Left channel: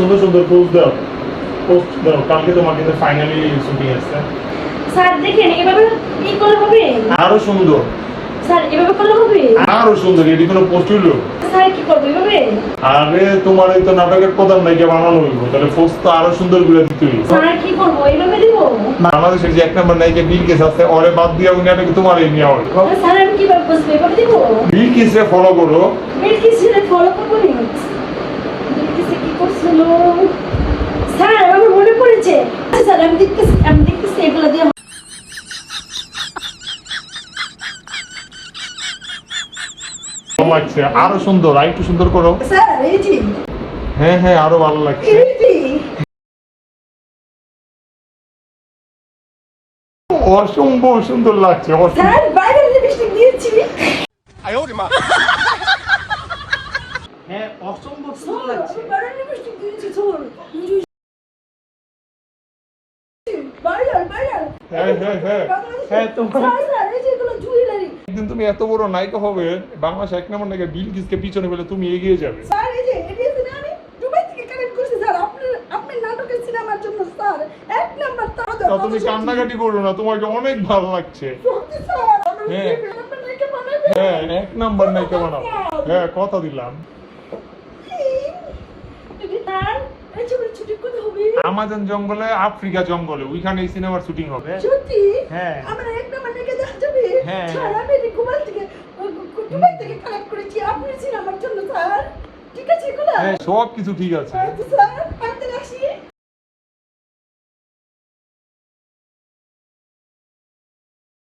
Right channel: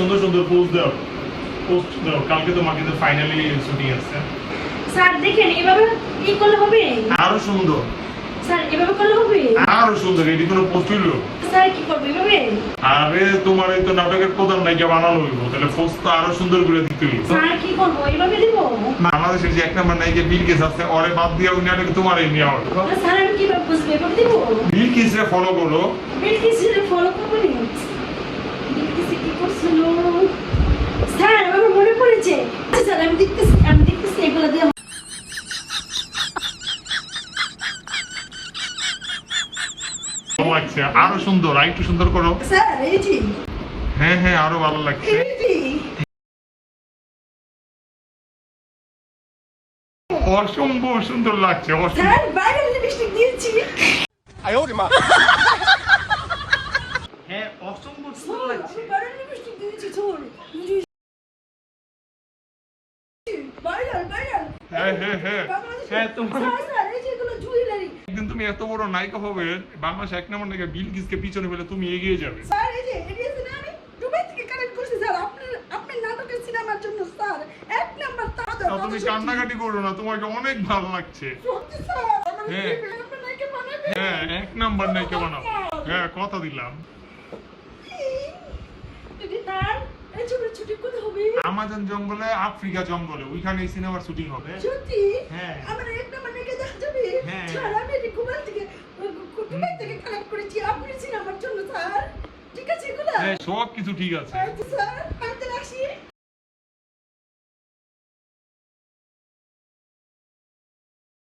সুন্দর সুন্দর পোস্ট দাও, পোস্ট দাও। কালকে তোমার কিন্তু ফাইনালি শুটিং আছে। স্যার দেখেন এভাবে কি করলে হবে? আরো সুন্দর, স্যার এভাবে করলে হবে? আরো সুন্দর। এটি কোনো পোস্ট হইলো? স্যার কি করবে এভাবে? আরে তোমার এই তো নাটকের প্রধান নায়িকা বানানো হইলো, তাহলে পোস্ট তো আরো সুন্দর করে দিতে হইলো। স্যার কি করবো এভাবে দিব? বাংলাদেশের যে এক নম্বর নায়িকা বিলকিস আছে, ওরে বাদ দিয়ে ওই নাটকে তোমার এই নিয়ে হবে। স্যার আমি কিভাবে বুঝবো এভাবে দিব? বিলকিসে ফলো করো। বিলকিসের ফলো করবো নি? বিলকিসে কি করছিল? স্যার আমার মনে পড়েছে। স্যার আমি দেখতেছি এগুলো দিয়ে ভালো লাগছে, আরো সুন্দর, আর একটু সুন্দর করো। স্যার এই জি হ্যাঁ হ্যাঁ, আরো ভালো লাগছে। এই জি অসম্ভব সুন্দর লাগছে। স্যার বাইরে লিপস্টিক দিয়েছি। হ্যাঁ, অসম্ভব সুন্দর লাগছে। বাইরে লিপস্টিক দিয়েছি স্যার। ভাইরাল হ্যাঁ হ্যাঁ হ্যাঁ হ্যাঁ, তোমার স্যার এই যে এগুলো জুয়েলারি। একদিন তুমি এত বড় নায়িকা হবে, বাংলাদেশ এক নম্বর নায়িকা বিলকিসকে পিছনে ফেলে তুমি এগিয়ে যাবে। স্যার এই যে এডিএসএন আমি দুবাই থেকে কানেক্ট করছি স্যার আপনার নাটকের সিনেমার জন্য স্যার এক নাম্বার তা তুমি কান্নাকাটি করো না, তোমাকে অনেক ভালো লাগছে। সত্যি স্যার আমি হ্যাঁ। আপনার নায়িকা বানাবেন। হ্যাঁ, এক নম্বর নায়িকা বানাও। হ্যাঁ, কথা দিলাম। দিদি স্যার এই ছবির শুটিং কোথায় হবে? আমাজন জঙ্গলে, আফ্রিকা জঙ্গলে, ওইখানে এই সিনেমার শুটিং হবে। সত্যি হ্যাঁ। আমরা এক নাম্বার নায়িকা দেখা যাবে। হ্যাঁ। স্যার আমি দুবাই থেকে কানেক্ট করেছি আপনার সিনেমার জন্য স্যার। ঠিক আছে এগুলো? হ্যাঁ, সব কিছু ঠিক আছে। আচ্ছা স্যার